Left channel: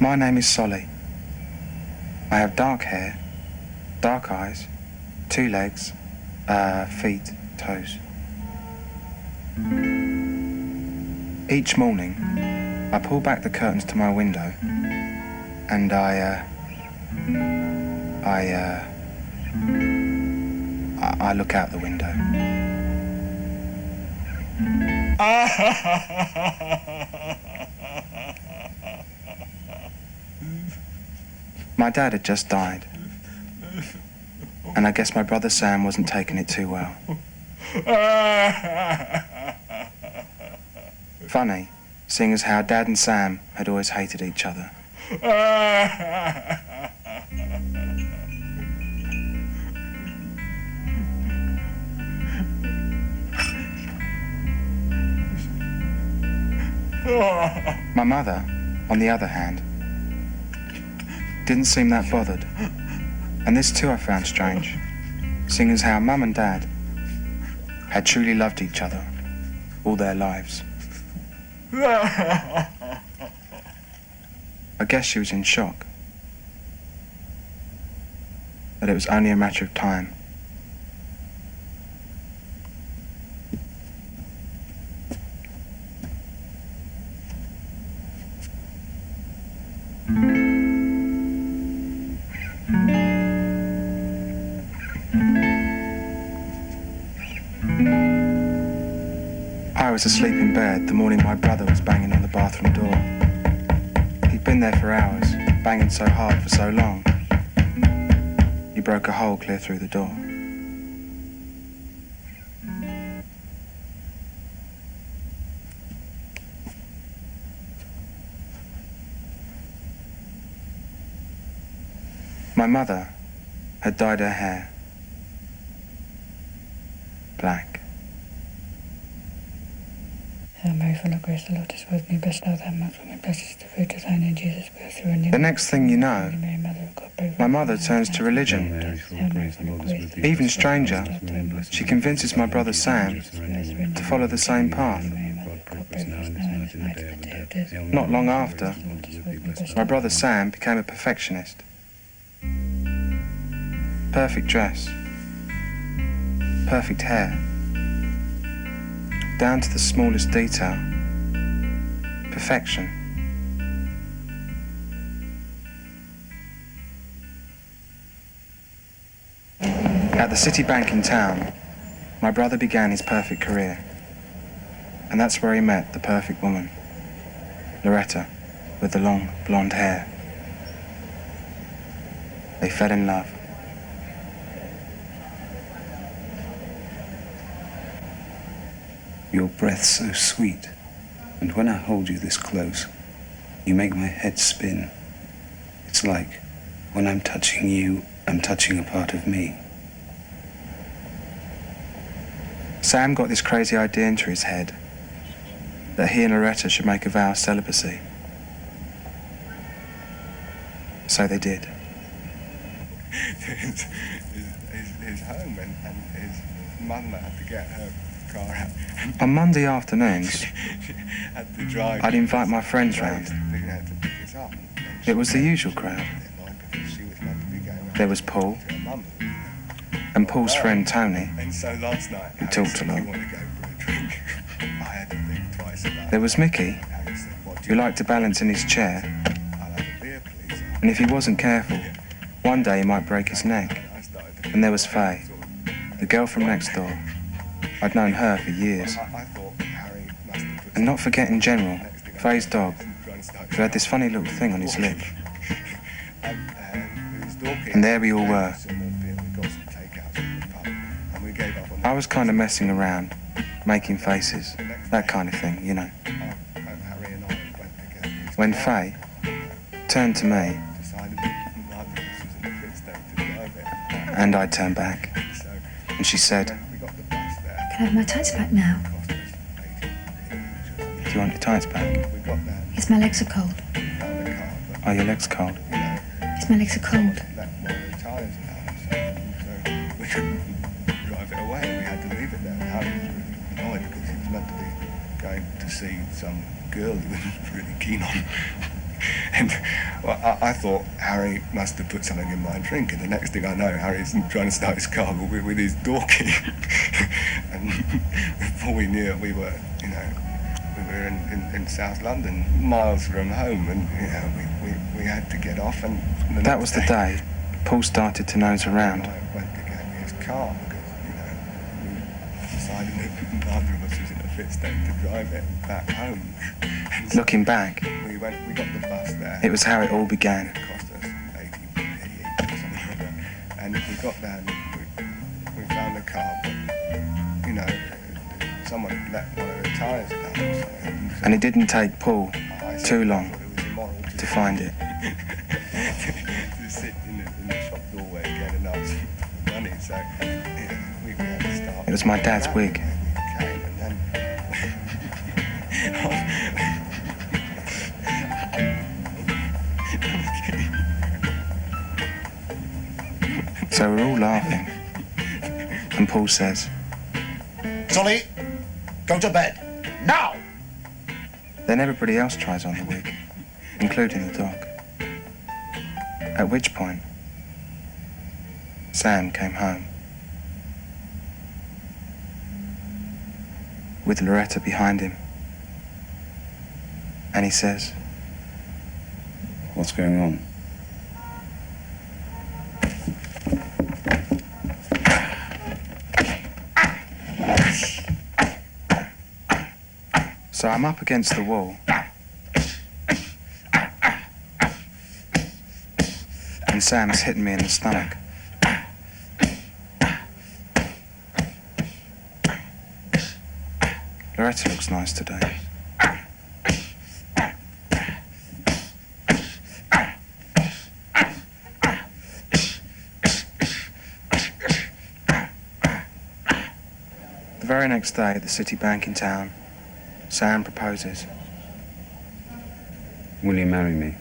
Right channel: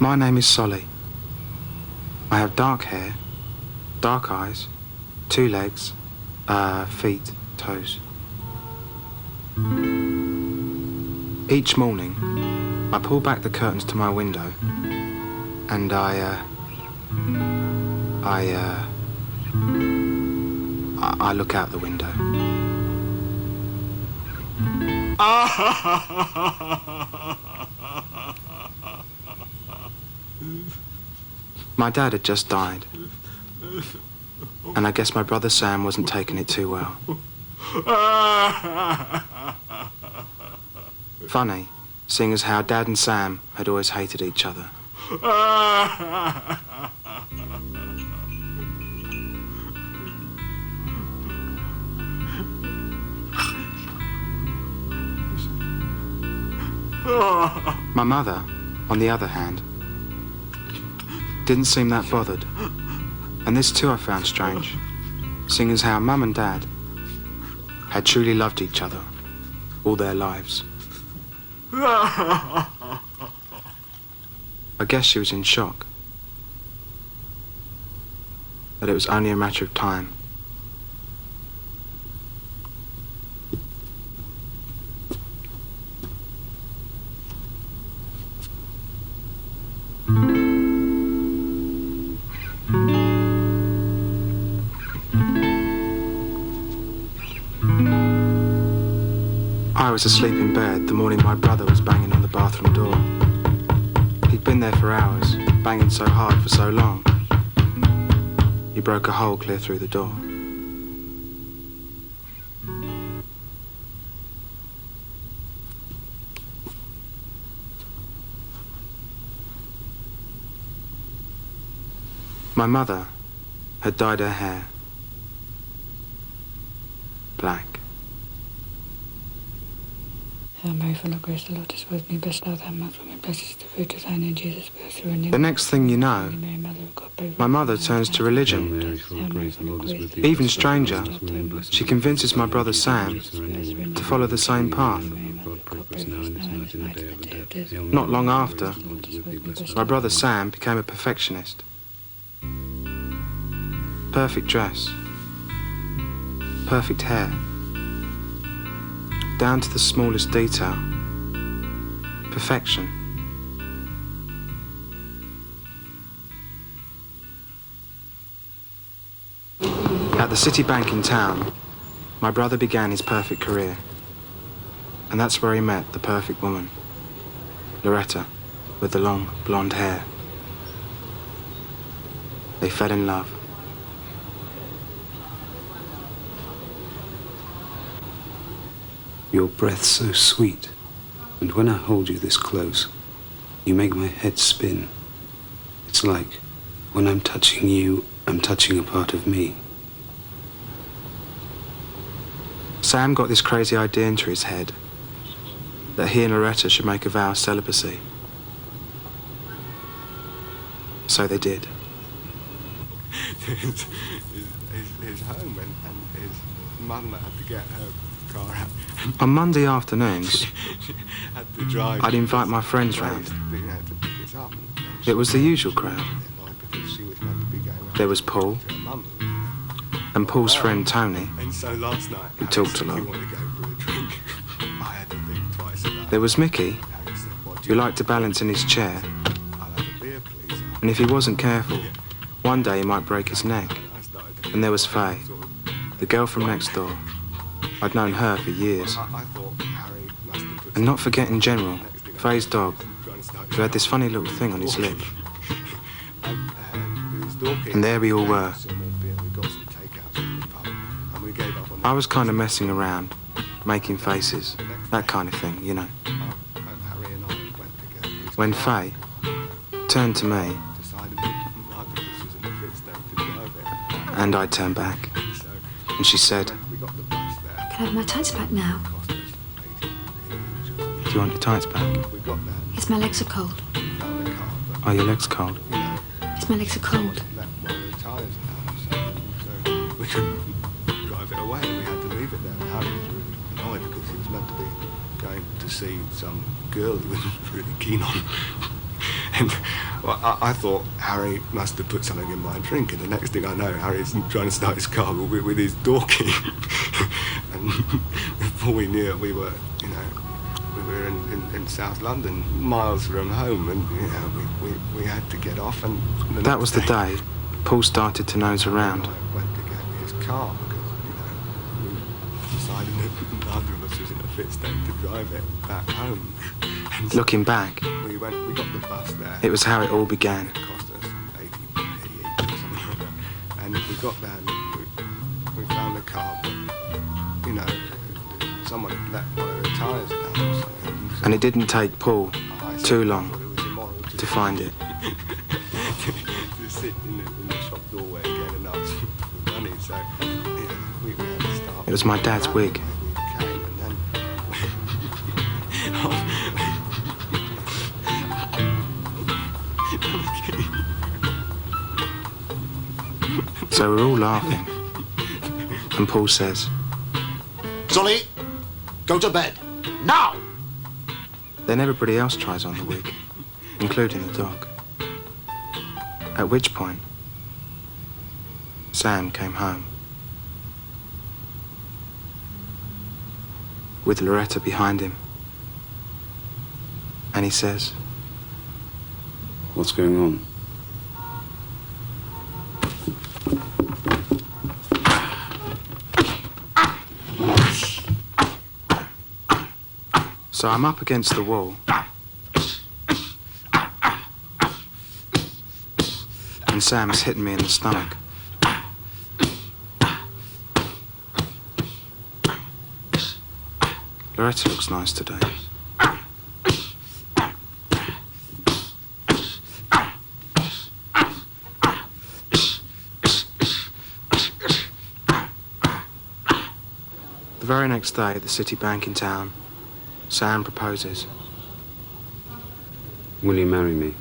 My name is Solly. I have dark hair, dark eyes, 2 legs, feet, toes. Each morning, I pull back the curtains to my window and I look out the window. My dad had just died, and I guess my brother Sam wasn't taking it too well. Funny, seeing as how Dad and Sam had always hated each other. My mother, on the other hand, didn't seem that bothered. And this too I found strange, seeing as how Mum and Dad had truly loved each other all their lives. I guess she was in shock. That it was only a matter of time. I was asleep in bed the morning my brother was banging on the bathroom door. He'd been there for hours, banging so hard for so long. He broke a hole clear through the door. My mother had dyed her hair black. The next thing you know, my mother turns to religion. Even stranger, she convinces my brother Sam to follow the same path. Not long after, my brother Sam became a perfectionist. Perfect dress, perfect hair, down to the smallest detail. Perfection. At the City Bank in town, my brother began his perfect career. And that's where he met the perfect woman, Loretta, with the long blonde hair. They fell in love. Your breath's so sweet, and when I hold you this close, you make my head spin. It's like when I'm touching you, I'm touching a part of me. Sam got this crazy idea into his head that he and Loretta should make a vow of celibacy. So they did. his home and his mum had to get her car out. On Monday afternoons, I'd invite my friends round. It was the usual crowd. There was Paul, and Paul's friend Tony, who talked a lot. There was Mickey, who liked to balance in his chair, and if he wasn't careful, one day he might break his neck. And there was Faye, the girl from next door. I'd known her for years. And not forgetting General, Faye's dog, who had this funny little thing on his lip. And there we all were. I was kind of messing around, making faces, that kind of thing, you know. When Faye turned to me, and I turned back, and she said, Can I have my tights back now? Do you want your tights back? Yes, my legs are cold. Are your legs cold? Yes, my legs are cold. We couldn't drive it away. We had to leave it there. And Harry was really annoyed because he was meant to be going to see some girl he was really keen on. And well, I thought Harry must have put something in my drink, and the next thing I know, Harry's trying to start his car with his door key. And before we knew it, we were in South London, miles from home, and we had to get off. And That was the day Paul started to nose around. I went to get his car because we decided that neither of us was in a fit state to drive it back home. And so Looking back, we got the bus there. it was how it all began. It cost us 88 or something like that. And we got there and we found the car, but someone had let one of the tyres down or something. And it didn't take Paul too long It was immoral to find it. to sit in the shop doorway again and ask for money. So we had to start. It was my dad's wig. We came and then. So we're all laughing. And Paul says, Solly, go to bed. Now! then everybody else tries on the wig, including the dog. At which point, Sam came home. With Loretta behind him. And he says, What's going on? so I'm up against the wall. And Sam's hitting me in the stomach. Loretta looks nice today. The very next day at the city bank in town, Sam proposes. Will you marry me?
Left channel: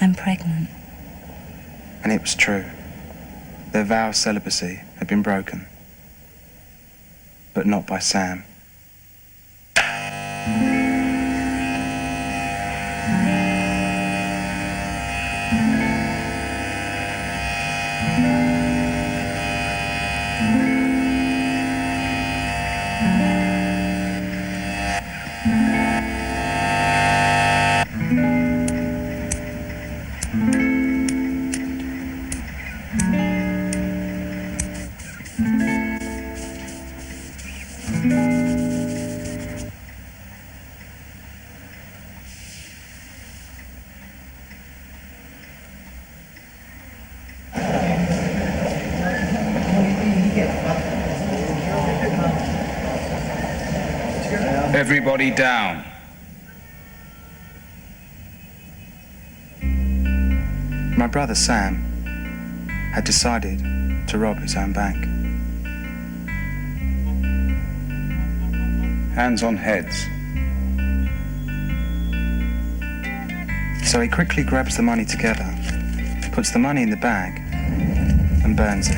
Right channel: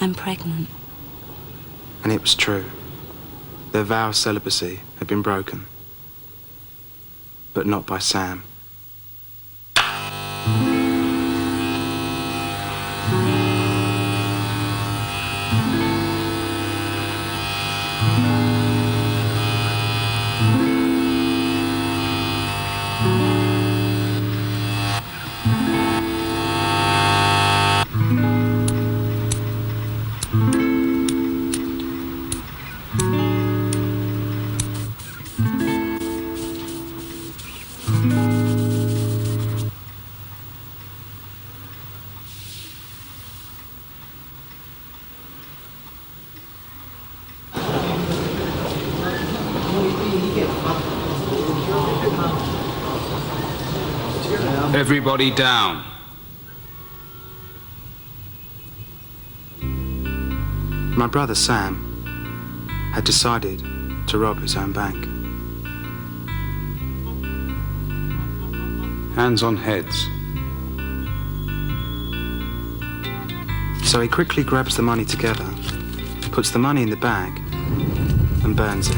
I'm pregnant. And it was true. Their vow of celibacy had been broken. But not by Sam. Everybody down. My brother Sam had decided to rob his own bank. Hands on heads. So he quickly grabs the money together, puts the money in the bag, and burns it.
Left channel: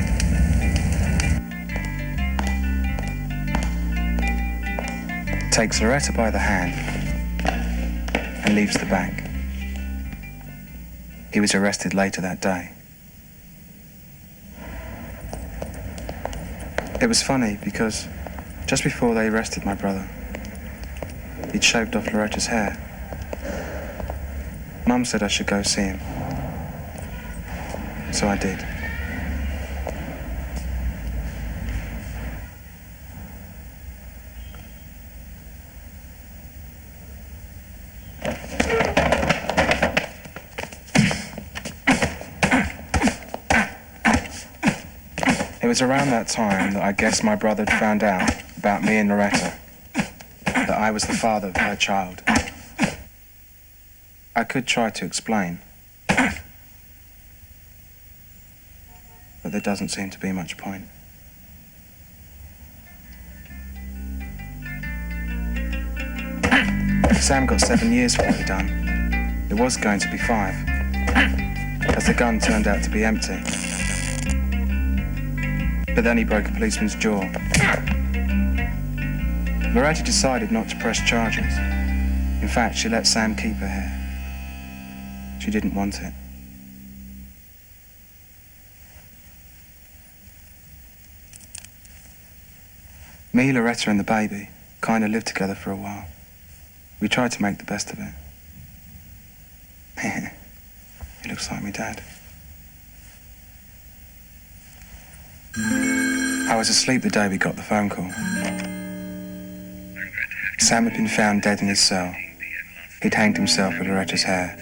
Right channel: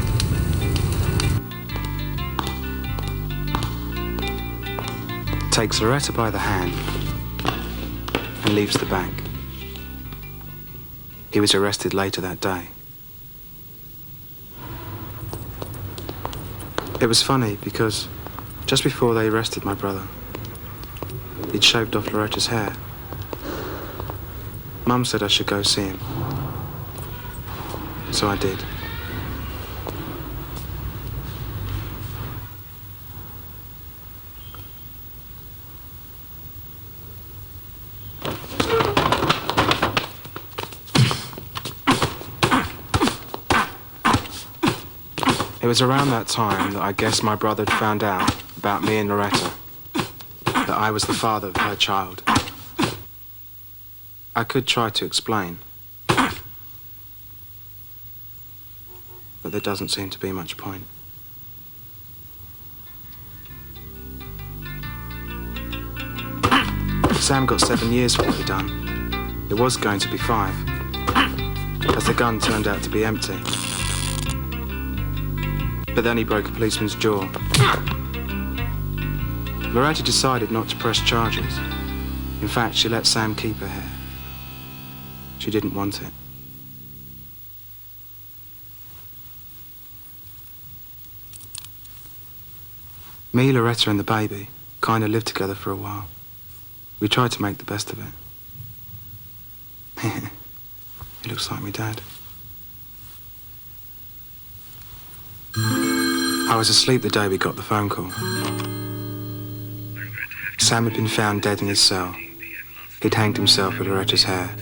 Takes Loretta by the hand and leaves the bank. He was arrested later that day. It was funny because just before they arrested my brother, he'd shaved off Loretta's hair. Mum said I should go see him. So I did. It was around that time that I guess my brother had found out about me and Loretta, that I was the father of her child. I could try to explain, but there doesn't seem to be much point. Sam got 7 years for what he'd done. It was going to be 5, as the gun turned out to be empty. But then he broke a policeman's jaw. Loretta decided not to press charges In fact, she let Sam keep her hair. She didn't want it. Me, Loretta and the baby kind of lived together for a while. We tried to make the best of it. He looks like me dad. I was asleep the day we got the phone call. Sam had been found dead in his cell. He'd hanged himself with Loretta's hair.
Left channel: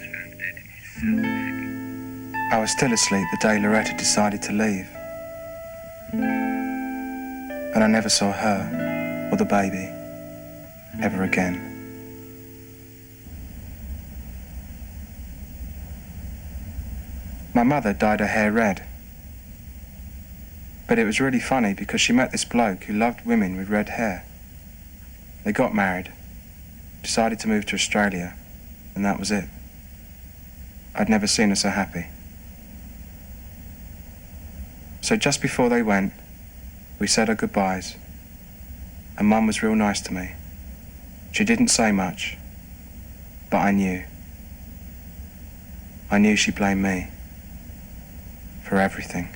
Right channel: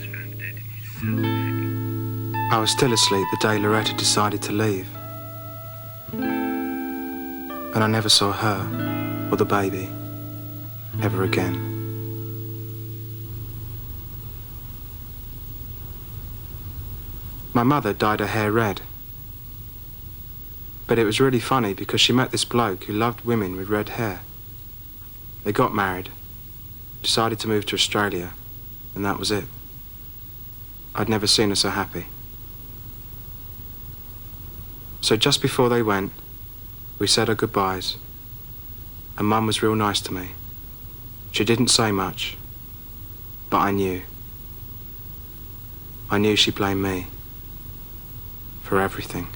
I was still asleep the day Loretta decided to leave. And I never saw her or the baby ever again. My mother dyed her hair red. But it was really funny because she met this bloke who loved women with red hair. They got married, decided to move to Australia, and that was it. I'd never seen her so happy. So just before they went, we said our goodbyes, and Mum was real nice to me. She didn't say much, but I knew. I knew she blamed me for everything.